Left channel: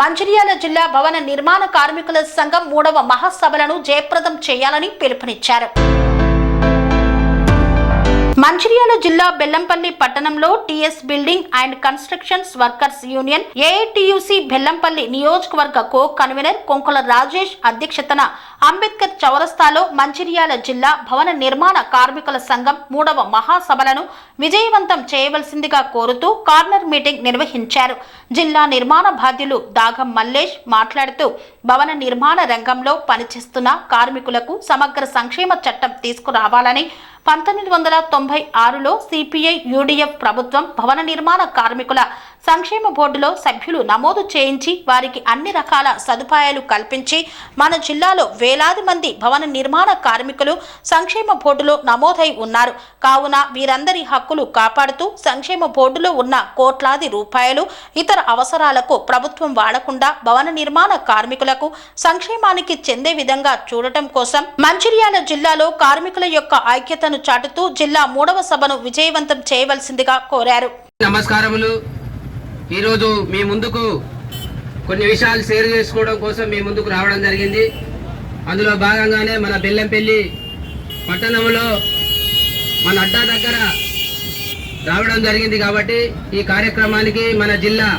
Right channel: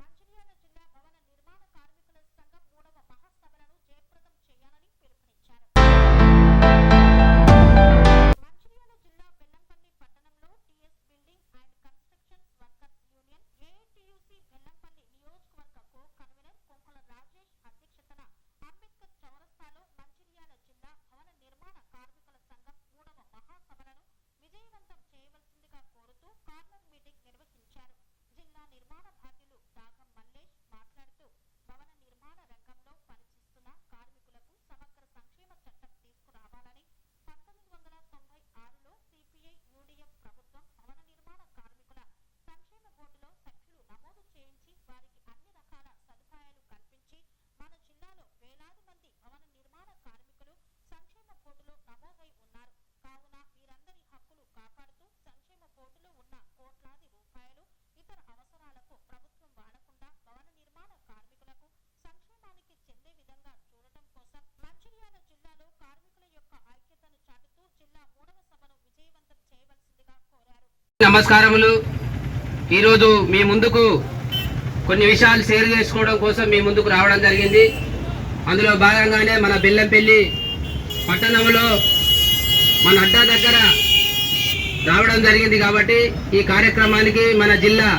మంచిర్యాల జిల్లా భవన నిర్మాణ కార్మికుల సంఘం మూడవ మహాసభలను జయప్రదం చేయాలని పిలుపునిచ్చారు. మంచిర్యాల జిల్లా బెల్లంపల్లి పట్టణంలో TS building and constructions workers union AITUC Bellampalli నియోజకవర్గ కో కన్వీనర్ కొంకుల రాజేష్ అధ్యక్షతన అంబేద్కర్ చౌరస్తాలో మంచిర్యాల జిల్లా భవన నిర్మాణ కార్మికుల సంఘం మూడవ మహాసభలను విజయవంతం చేయవలసిందిగా కోరుతూ కార్నర్ మీటింగ్ నిర్వహించారు. జిల్లా నిర్మాణ బాధ్యులు దాగం మల్లేష్ మాట్లాడుతూ భవన నిర్మాణ రంగంలో పనిచేస్తున్న కార్మికులకు సమగ్ర సంక్షేమ చట్టం తీసుకురావాలని పంతొమ్మిది వందల తొంభై ఆరులో సిపిఐ యూడిఎఫ్ ప్రభుత్వం భవన నిర్మాణ కార్మికుల సంక్షేమ బోర్డులో సభ్యులు నమోదు చేయించి వారికి అన్ని రకాల సదుపాయాలు కల్పించి మన జిల్లాలో వేలాది మంది భవన నిర్మాణ కార్మికులు సంక్షేమ బోర్డులో నమోదై ఉన్నారు. కావున వీరందరి హక్కులు కాపాడుతూ సంక్షేమ బోర్డులో ఉన్న కోట్లాది రూపాయలు ఇతర అవసరాలకు ప్రభుత్వం వాడకుండా భవన నిర్మాణ కార్మికులకు సంక్షేమానికి చెందే విధంగా చూడటం కోసం మంచిర్యాల జిల్లాలో కార్మికుల యొక్క ఐక్యతను చాటుతూ జిల్లా మూడవ సభను విజయవంతం చేయవలసిందిగా కోరారు. నమస్కారములు. ఈరోజు మీ ముందుకు కొన్ని విషయాలు షేర్ చేసుకోవడం కోసం మీ ముందుకు రావడం జరిగింది. అందులో భాగంగానే మన బెల్లంపల్లి పట్టణంలో మన అడ్డా దగ్గర రావడం జరిగింది కాబట్టి ఈ కార్యక్రమానికి మన జిల్లా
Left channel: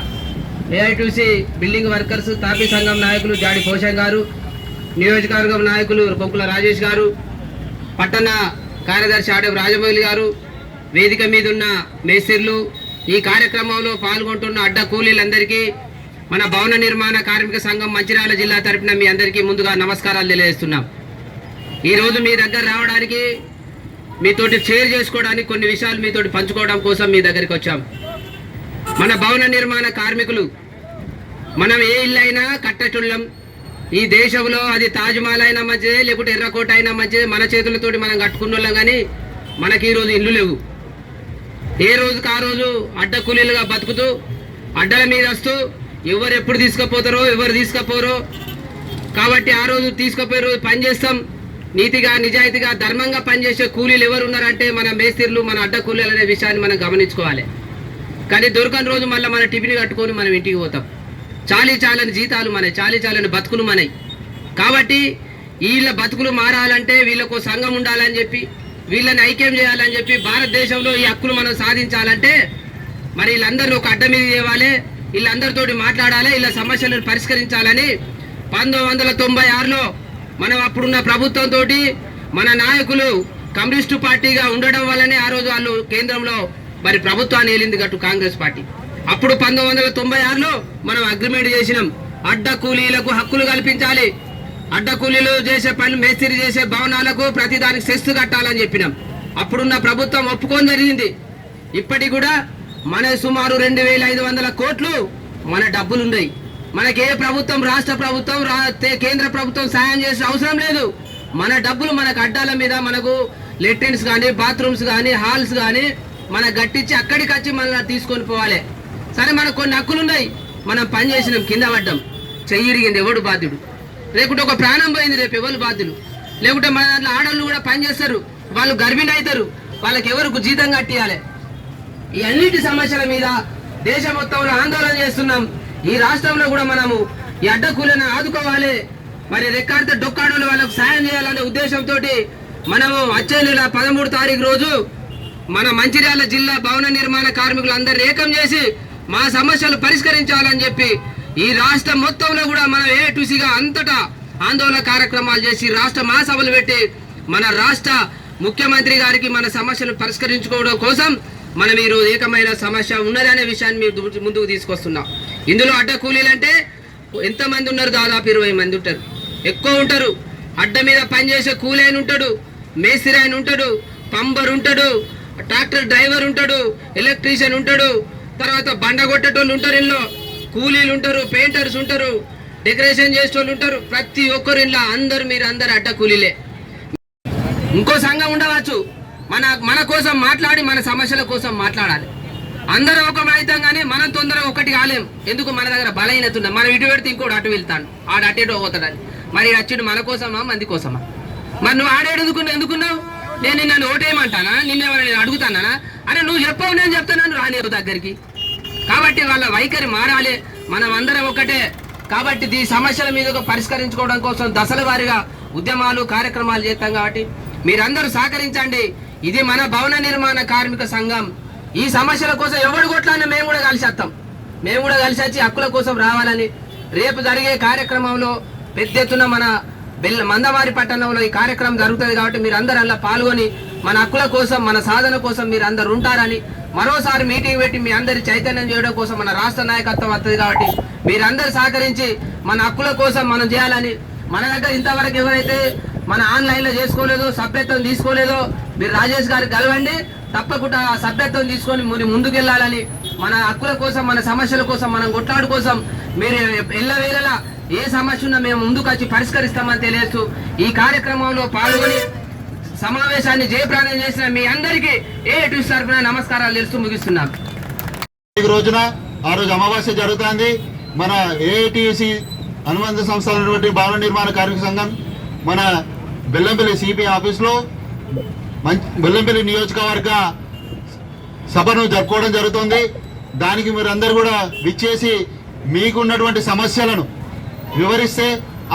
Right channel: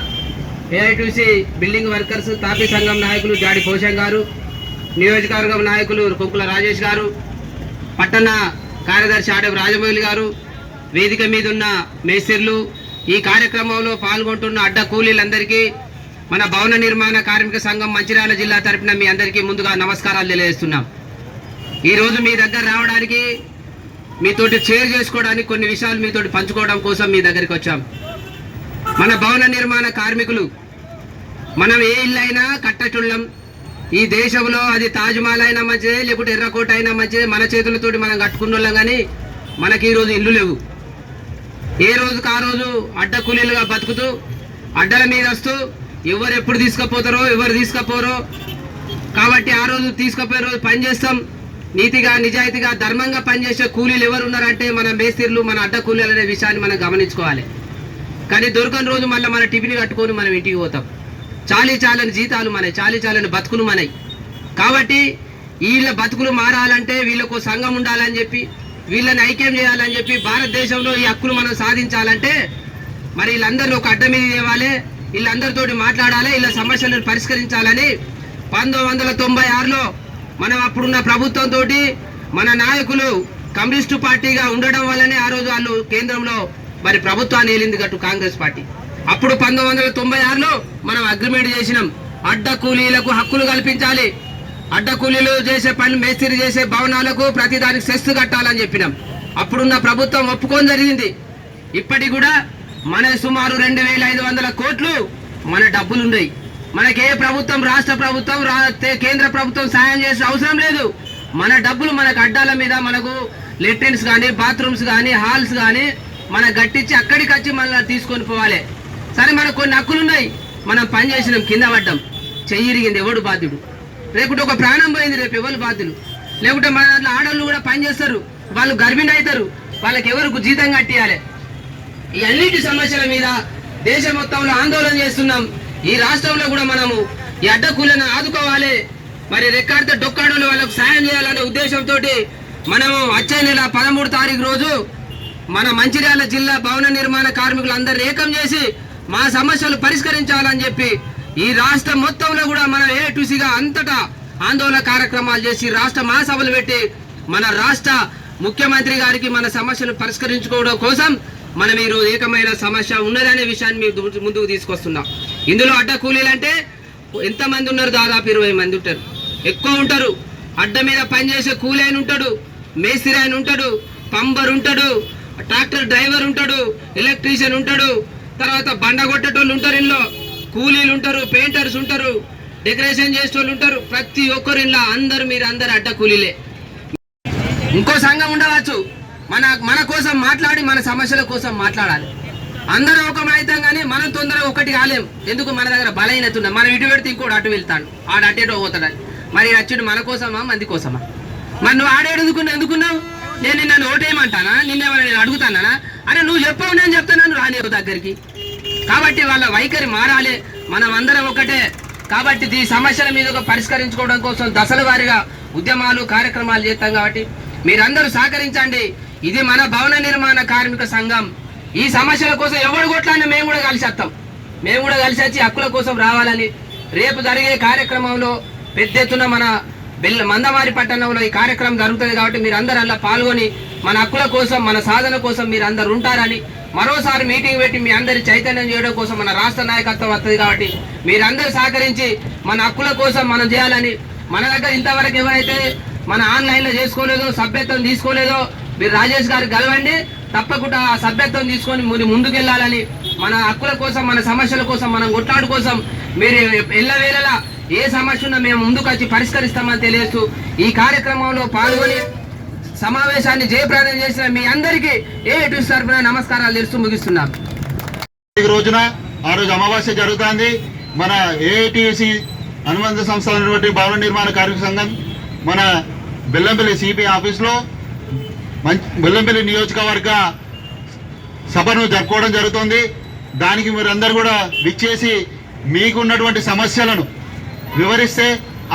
ఏఐటీసీ బిల్డింగ్ వర్కర్స్ తాపీ సంఘం నాయకులు జాడి పోషం గారు నియోజకవర్గం నాయకులు కొక్కుల రాజేష్ గారు పట్టణ కార్యదర్శి ఆడపు రాజమౌళి గారు వేదిక మీద ఉన్న మేస్త్రీలు ఈ కార్యక్రమంలో పాల్గొంటున్న అడ్డ కూలీలందరికీ మన భవన నిర్మాణ కార్మిక సంఘం మంచిర్యాల జిల్లా తరపున మీ అందరికీ ముందుగా నమస్కారాలు తెలియజేస్తున్నాం. ఈరోజు మీ దగ్గర రావడానికి మీతోటి షేర్ చేసుకోవడానికి కొన్ని విషయాలు మీతోటి పంచుకోవడం కోసం మీ దగ్గరికి వచ్చాం. మన భవన నిర్మాణ కార్మికులు మనం ఏ ఇల్లు అయినా కట్టచుళ్ళం ఈ దేశంలో అది తాజ్మహల్ అయినా మంచిదే లేకుంటే ఎర్రకోట అయినా మంచిదే. మన చేతులతోటి మనం కట్టుకున్న కానీ మనకి ఈరోజు ఇల్లు లేవు. ఏ రోజుకు ఆ రోజు అడ్డ కూలీలుగా బతుకుతూ అడ్డల మీద వస్తూ ఎవరు ఎప్పుడు తీసుకుపోతారో ఎవరు తీసుకుపోరో. కాబట్టి ఆ రోజు తీసుకుపోయే రోజు పనిచేస్తాం నీతిగా నిజాయితీగా ధర్మంగా పనిచేసే కూలీలు ఎవరు ఉన్నారంటే మన మేస్త్రీలు మన అడ్డ కూలీలు అనే విషయాన్ని మనం గమనించుకోవాలి. కానీ దొరకని రోజు మళ్ళీ మన టిఫిన్ కట్టుకొని మనం ఇంటికి పోతాం. చాలీ చాలని జీతాలు మనవి చాలీ చాలని బతుకులు మనవి కాబట్టి వీళ్ళ బతుకులు మారాలంటే వీళ్ళకు సంఘం ఉండాలని చెప్పి వీళ్ళని ఐక్యం చేయాలని చెప్పి భారతదేశంలో ఈ హక్కులు మనం సాధించాలంటే మరి వీళ్ళందరూ ఒక అడ్డ మీద చేయాలి వీళ్ళందరితోటి మాట్లాడాలి వీళ్ళ సమస్యలను పరిష్కరించాలని పంతొమ్మిది వందల తొంభై ఆరులో మనం అప్పుడున్న ప్రభుత్వంతో మన నాయకులు కమ్యూనిస్టు పార్టీగా ఉండడం వల్లనే ఆ రోజు వాళ్ళు కేంద్రంలో మరి ప్రభుత్వాన్ని ఏలింది గట్టు కాంగ్రెస్ పార్టీ. అప్పుడు పంతొమ్మిది వందల తొంభై ఆరులో మనం అగ్రిమెంట్ చేసినాం. అడ్డ కూలీలకు హక్కులు కల్పించాలి. అడ్డ కూలీలు చేసే పనులు మేస్త్రి చేసే భవనాలకు ప్రతి దానికి సెస్ కట్టాలని చెప్పినాం. అప్పుడున్న ప్రభుత్వం ఒప్పుకొని జరిగింది. ఇప్పటికి కూడా మన సుమారు రెండు వేల ఐదు వందల కోట్లు మన డబ్బులు ఉన్నాయి. మనకి ఏ ప్రభుత్వం రాష్ట్ర ప్రభుత్వం రా- కేంద్ర ప్రభుత్వం సహాయం చేసే అవసరం లేదు. మన డబ్బులు మనకు అడ్డాల మీద మనకు లెట్రిన్స్ కానీ బాత్రూమ్స్ కానీ హాల్స్ కానీ మన గట్టించి అక్కడికి వచ్చి మన తీసుకొని పోవాలి. సరే మనకు కొన్ని హక్కులు ఉన్నాయి. మనం పని చేసినాం కింద పడ్డాం. చెయ్యిరిగింది ఎవడు బాధ్యుడు? లేకుంటే ఒక ప్రాణం పోయింది రేపు ఎవరు బాధ్యులు? లేకుంటే మన దాంట్లో ఆడవాళ్ళు కూడా పని చేస్తారు వాళ్ళు గర్భిణి అవుతారు వాళ్ళకి ఎవరు జీతం కట్టియాలి ఈ అన్నిటి సమస్యల మీద దేశం మొత్తంలో ఆందోళన చేస్తున్నాం. ఈ రాష్ట్రంలో కూడా మనము ఈ అడ్డకూలను ఆదుకోవాలి. మరి రెక్కాడితే డొక్కాడని వాళ్ళకు సాయం చేయాలనే ఉద్దేశంతో మనము వచ్చే నెల పదమూడు తారీఖు రోజు మన మంచిర్యాల జిల్లా భవన నిర్మాణ కార్మికులందరూ ఏకం చేసి మా సమస్యలు పరిష్కరించాలని చెప్పి ఈ రాష్ట్రం మొత్తంలో కూడా మనం ఏ టుసిగా అంతటా ఆందోళన కార్యక్రమాలు చేసి రాష్ట్ర మహాసభలు పెట్టి మన రాష్ట్ర ముఖ్యమంత్రి గారికి మన సమస్యలు పరిష్కరించుకోవడం కోసం మనం ఈరోజు ఏకమైన సమస్య ఉన్నదనే విషయాన్ని మీరు ముందుకు తీసుకొస్తున్నాం. ఇందులో అడ్డ కూలీలు అంటే ఎంతమంది ఉన్నారు? దాదాపు ఇరవై మంది ఉంటారు. ఎక్కువ ఉంటారు. అడ్డ మీద పనిచేసే కూలీ ఆయన ఉంటాడు మేస్త్రి ఆయన ఉంటాడు పంబర్ ఉంటాడు ట్రాక్టర్ డ్రైవర్ ఉంటాడు ఎలక్ట్రీషియన్ ఉంటాడు తర్వాత బండ కొట్టేటోళ్ళు ఉంటారు ఇంట్లో కూలీలు ఉంటారు పెయింటర్స్ ఉంటారు డెకరేషన్ చేసేటోళ్ళు ఉంటారు. ప్రతి ఒక్కరు ఇలా అందరు మీరు అందరు అడ్డ కూలీలే. ఇంకో సంఘం ఉండవచ్చు. మన మన కోసం మాట్లాడి మన సమస్యల కోసం మాట్లాడాలి. అందరూ ఒకమైతాం కానీ మనం తొందరగా ఒకటి కాలేం. ఎందుకు మన దగ్గర బలహీనత ఉంది? మనం ఇటు పెడితే ఇంకోటి అటు వెళ్తాడు. ఆడు అటు ఇటు పోతాడు. మరి అచ్చుడు మన కోసమా మంది కోసమా? మరి నువ్వు ఆడేడుకున్నా ఎందుకున్నావు ఎందుకున్నావు? నేను నిన్ను ఓటేయమంటానా? నిన్నేమన్నా నేను అడుగుతానా? అరే నువ్వు చెప్పావు నేను చెప్తాను రాని దగ్గరికి. కాబట్టి వాళ్ళ వైఖరి మారాలి. మనం అందరం ఒకటే. కాబట్టి ఈ సమస్యల మీద పరిష్కరించుకోవడం కోసం దశల వారీగా ఉద్యమాలు కార్యక్రమాలు చేస్తాం కాబట్టి మీరందరూ సహకరించండి. ఇది మన భవన నిర్మాణ కార్మిక సంఘం. ఈ సమస్యల కోసం ఎవడు కొట్లాడినా మేము కూడా కలిసి వస్తాం. మేము కూడా కలిసి వచ్చి హక్కుల కోసం రావాలని రేపు జరిగే కార్యక్రమంలో పెద్ద ఎత్తున మన బెల్ల మందమారి పట్టణంలో ఈ కార్యక్రమం జరుగుతుంది కాబట్టి మీరు అందరూ అలా పాల్గొని మన హక్కుల కోసం మన సాధన కోసం మీరు అందరు ఉంటారని మరోసారి మీటింగ్ పెట్టి మీ అందరి చైతన్యం చేయడం కోసం మన రాష్ట్ర నాయకత్వం వస్తుంది కాబట్టి మీరందరూ సహకరించి మన హక్కుల కోసం మనం చేయాలని మన దగ్గర ఇంతవరకు ఎవరైతే మన ఆన్లైన్లో చేసుకోలేదో సభ్యత్వం తీసుకోలేదో మీరు రాజేష్ గారికి కలవండి. తప్పకుండా ఆ సభ్యత్వం తీసుకొని మీరు ముందుకెళ్ళాలని మన హక్కుల కోసం మన సమస్యల కోసం మనం కొట్లాడు కోసం మీరు ఎల్లవేళలా ఏ సమస్యను మేము ముందుకు వచ్చి పరిష్కరిస్తామని తెలియజేస్తూ ఈ కార్యక్రమంలో పాల్గొని సమావేశాన్ని జయప్రదం చేసిన మీ అందరికీ ఏ టు తరఫున నమస్కారాలు తెలుస్తూ ముగిస్తున్నాం రోజున ఆ రోజు అమావాస్య జరుగుతుంది. మన ఏఐటిసి అనుబంధ సంస్థ అయినటువంటి భవన నిర్మాణ కార్మిక సంఘం మన బెల్లంపల్లి సిపి ఆఫీస్లో బెల్లంపల్లి నియోజకవర్గ సభను జరుపుకోవడం జరుగుతుంది. దానికి మీరందరూ కూడా విచ్చేసి మీకున్నటువంటి సమస్యలను వివరిస్తే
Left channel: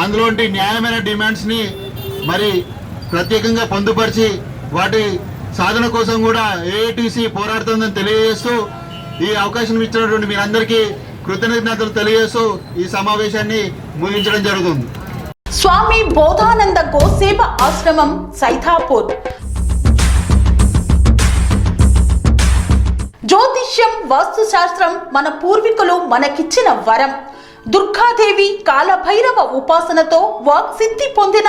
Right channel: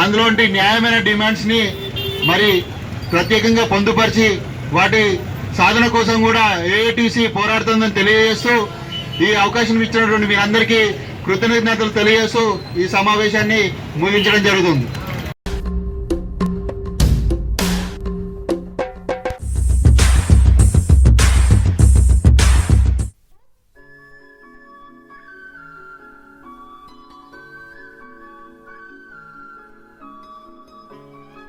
అందులోంటి న్యాయమైన డిమాండ్స్ని మరి ప్రత్యేకంగా పొందుపరిచి వాటి సాధన కోసం కూడా ఏఐటిసి పోరాడుతుందని తెలియజేస్తూ ఈ అవకాశం ఇచ్చినటువంటి మీరందరికీ కృతజ్ఞతలు తెలియజేస్తూ ఈ సమావేశాన్ని ముగించడం జరుగుతుంది. స్వామి బోధానంద గోసేవ ఆశ్రమం సైథాపూర్ జ్యోతిష్యం వాస్తుశాస్త్రం మన పూర్వీకులు మనకిచ్చిన వరం. దుర్గాదేవి కాలభైరవ ఉపాసనతో వాక్సిద్ధి పొందిన